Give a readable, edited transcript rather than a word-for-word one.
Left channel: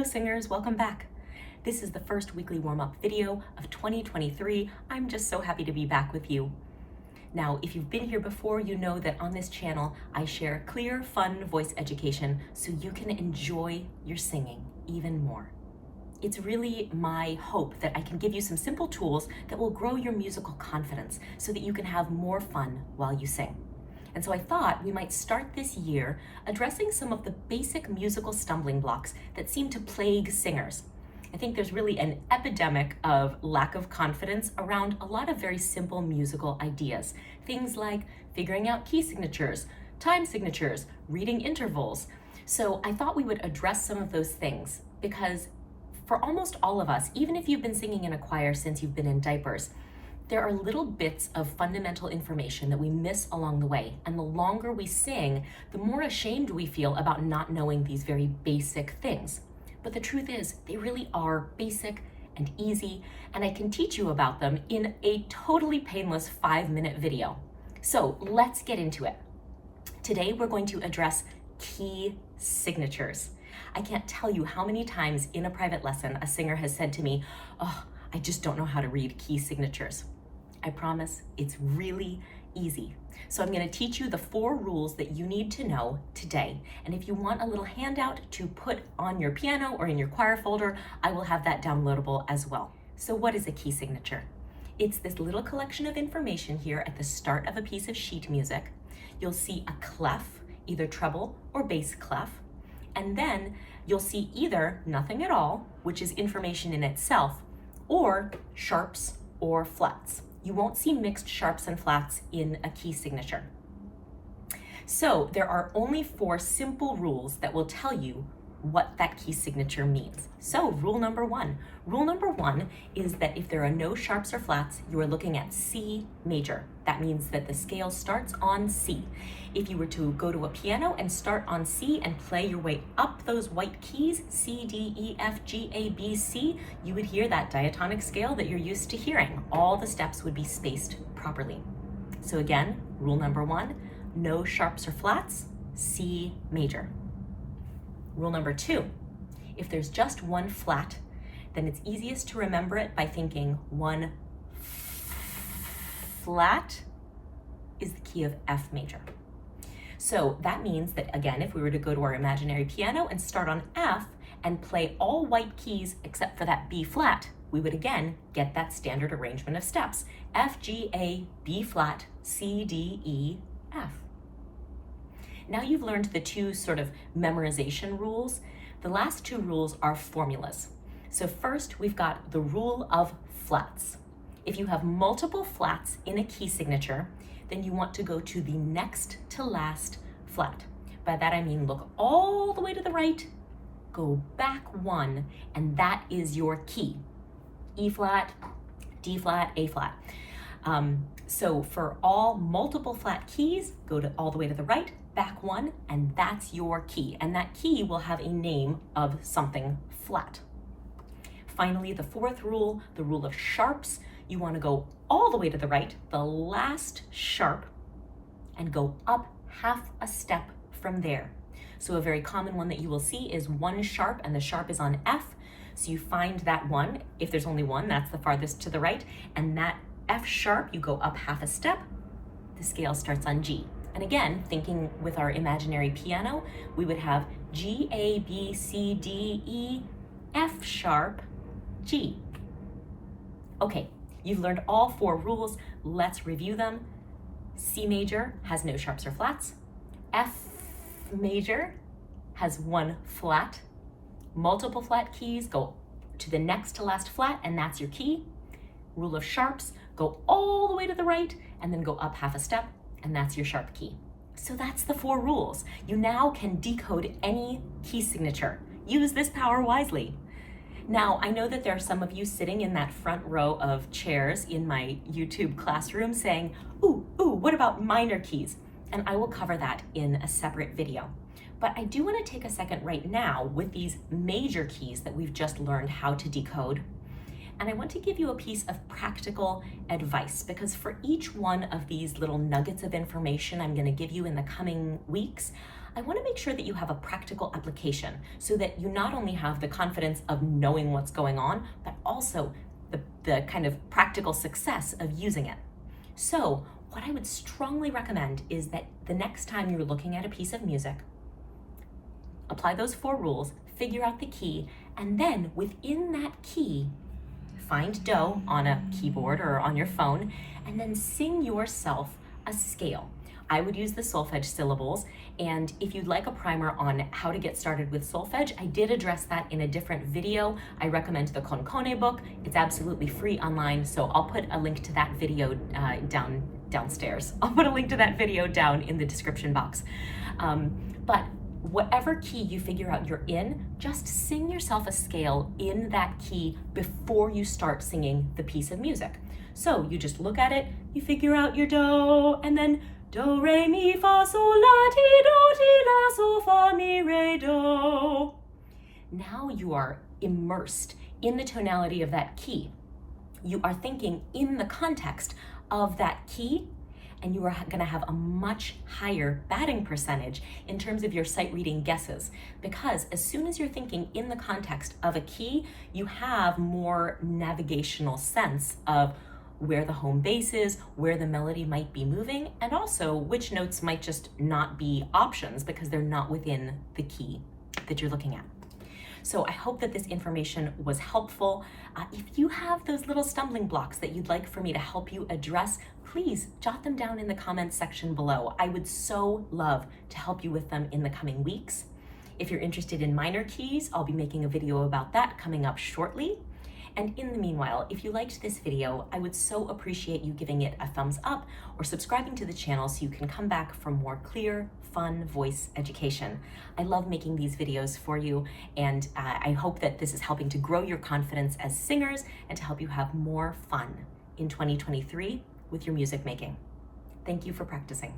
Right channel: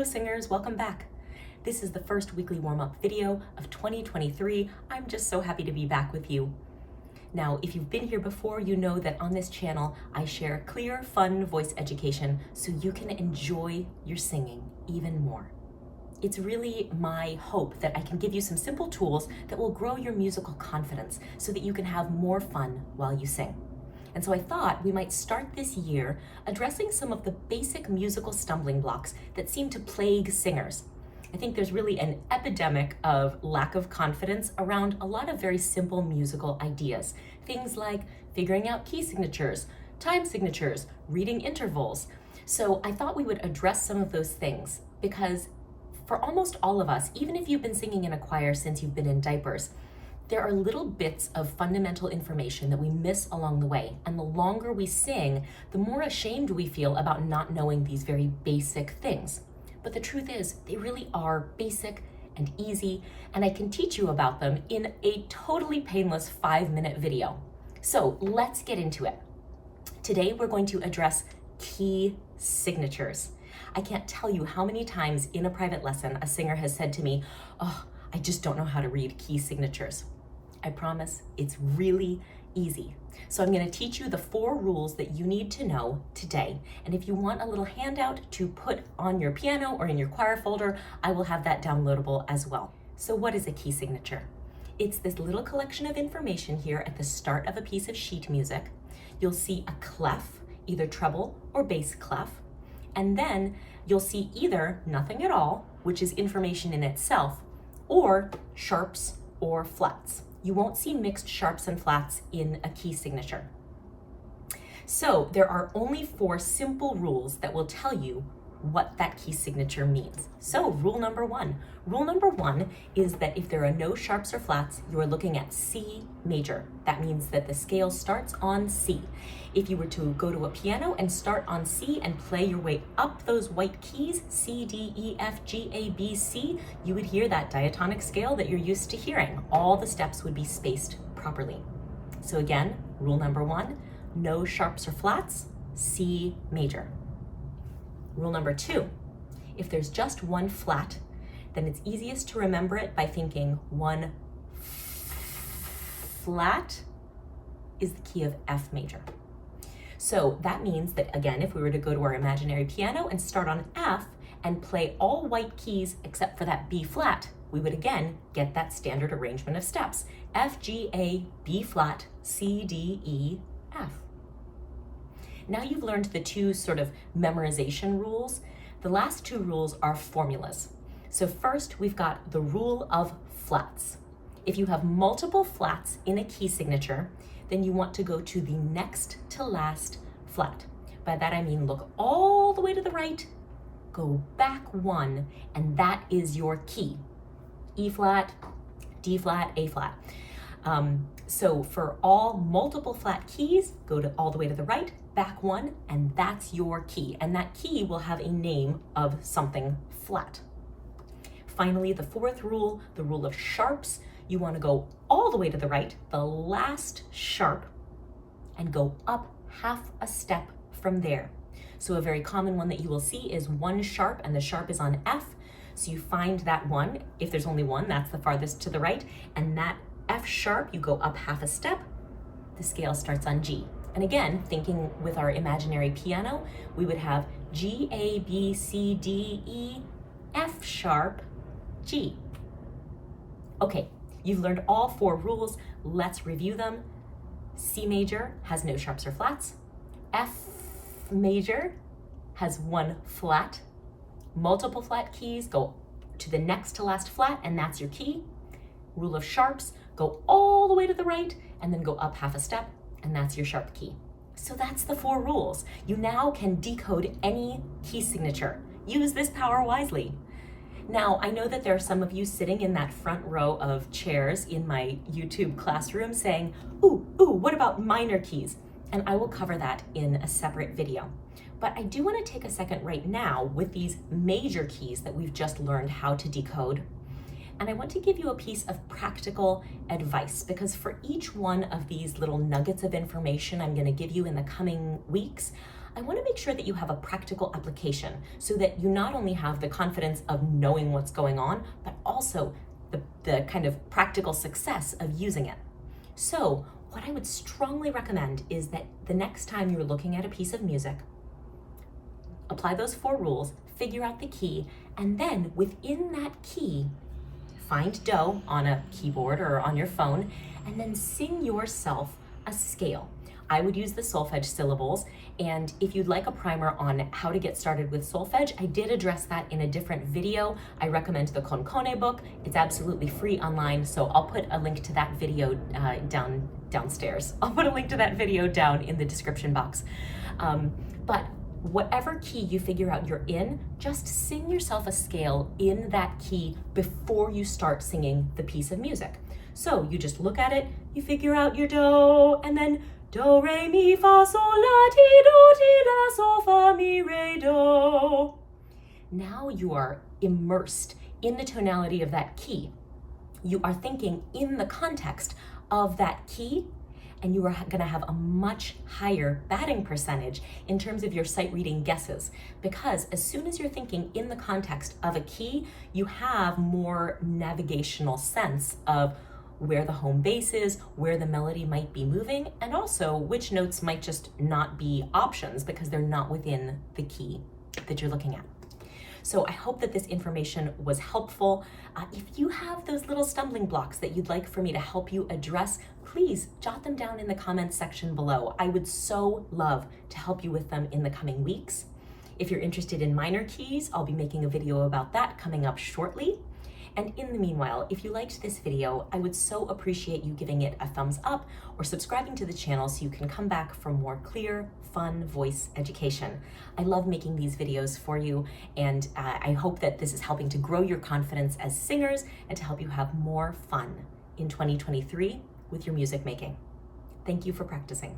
Hello singers, welcome back. This is the first weekly warm-up video of 2023. I'm just so happy to be back with you. Now, if you've been here before, you know that on this channel, I share clear, fun voice education so you can enjoy your singing even more. It's really my hope that I can give you some simple tools that will grow your musical confidence so that you can have more fun while you sing. And so I thought we might start this year addressing some of the basic musical stumbling blocks that seem to plague singers. I think there's really an epidemic of lack of confidence around a lot of very simple musical ideas. Things like figuring out key signatures, time signatures, reading intervals. So I thought we would address some of those things because for almost all of us, even if you've been singing in a choir since you've been in diapers, there are little bits of fundamental information that we miss along the way. And the longer we sing, the more ashamed we feel about not knowing these very basic things. But the truth is, they really are basic and easy, and I can teach you about them in a totally painless 5-minute video. So let's get into it. Today, we're going to address key signatures. I can't tell you how many times in a private lesson a singer has said to me, "Oh, I just don't know how to read key signatures." I promise it's really easy. So I'm going to teach you the 4 rules that you need to know today. And if you want a little handout to put on your piano or in your choir folder, I will have that downloadable as well. So what is a key signature? It's this little collection of information here at the start of a piece of sheet music. You'll see a clef, either treble or bass clef. And then you'll see either nothing at all, which is information in itself, or sharps or flats. You won't see mixed sharps and flats in a key signature. So there are only 4 simple rules that will tell you what that key signature means. So rule number 1. Rule number 1 is that if there are no sharps or flats, you are looking at C major. That means that the scale starts on C. If you were to go to a piano and start on C and play your way up those white keys, C, D, E, F, G, A, B, C, you would hear that diatonic scale that you're used to hearing. All the steps would be spaced properly. So again, rule number 1, no sharps or flats, C major. Rule number 2, if there's just one flat, then it's easiest to remember it by thinking one flat is the key of F major. So that means that, again, if we were to go to our imaginary piano and start on F and play all white keys except for that B flat, we would again get that standard arrangement of steps. F, G, A, B flat, C, D, E, F. Now you've learned the 2 sort of memorization rules. The last 2 rules are formulas. So first we've got the rule of flats. If you have multiple flats in a key signature, then you want to go to the next to last flat. By that I mean look all the way to the right, go back 1, and that is your key. E flat, D flat, A flat. So for all multiple flat keys, go to all the way to the right, back 1, and that's your key. And that key will have a name of something flat. Finally, the 4th rule, the rule of sharps. You want to go all the way to the right, the last sharp, and go up half a step from there. So a very common one that you will see is 1 sharp, and the sharp is on F. So you find that one. If there's only one, that's the farthest to the right, and that F sharp, you go up half a step, the scale starts on G. And again, thinking with our imaginary piano, we would have G, A, B, C, D, E, F sharp, G. Okay, you've learned all 4 rules. Let's review them. C major has no sharps or flats. F major has 1 flat. Multiple flat keys go to the next to last flat, and that's your key. Rule of sharps, go all the way to the right and then go up half a step, and that's your sharp key. So that's the 4 rules. You now can decode any key signature. Use this power wisely. Now, I know that there are some of you sitting in that front row of chairs in my YouTube classroom saying, ooh, what about minor keys? And I will cover that in a separate video. But I do want to take a second right now with these major keys that we've just learned how to decode. And I want to give you a piece of practical advice, because for each one of these little nuggets of information I'm going to give you in the coming weeks, I want to make sure that you have a practical application so that you not only have the confidence of knowing what's going on, but also the kind of practical success of using it. So what I would strongly recommend is that the next time you're looking at a piece of music, apply those 4 rules, figure out the key, and then within that key, find do on a keyboard or on your phone, and then sing yourself a scale. I would use the solfege syllables, and if you'd like a primer on how to get started with solfege, I did address that in a different video. I recommend the Concone book. It's absolutely free online, so I'll put a link to that video downstairs. I'll put a link to that video down in the description box. But whatever key you figure out you're in, just sing yourself a scale in that key before you start singing the piece of music. So you just look at it, you figure out your do, and then do, re, mi, fa, sol, la, ti, do, ti, la, sol, fa, mi, re, do. Now you are immersed in the tonality of that key. You are thinking in the context of that key, and you are going to have a much higher batting percentage in terms of your sight reading guesses, because as soon as you're thinking in the context of a key, you have more navigational sense of where the home base is, where the melody might be moving, and also which notes might just not be options because they're not within the key that you're looking at. So I hope that this information was helpful. If you have those little stumbling blocks that you'd like for me to help you address, please jot them down in the comments section below. I would so love to help you with them in the coming weeks. If you're interested in minor keys, I'll be making a video about that coming up shortly. And in the meanwhile, if you liked this video, I would so appreciate you giving it a thumbs up or subscribing to the channel so you can come back for more clear, fun voice education. I love making these videos for you, and I hope that this is helping to grow your confidence as singers and to help you have more fun in 2023 with your music making. Thank you for practicing.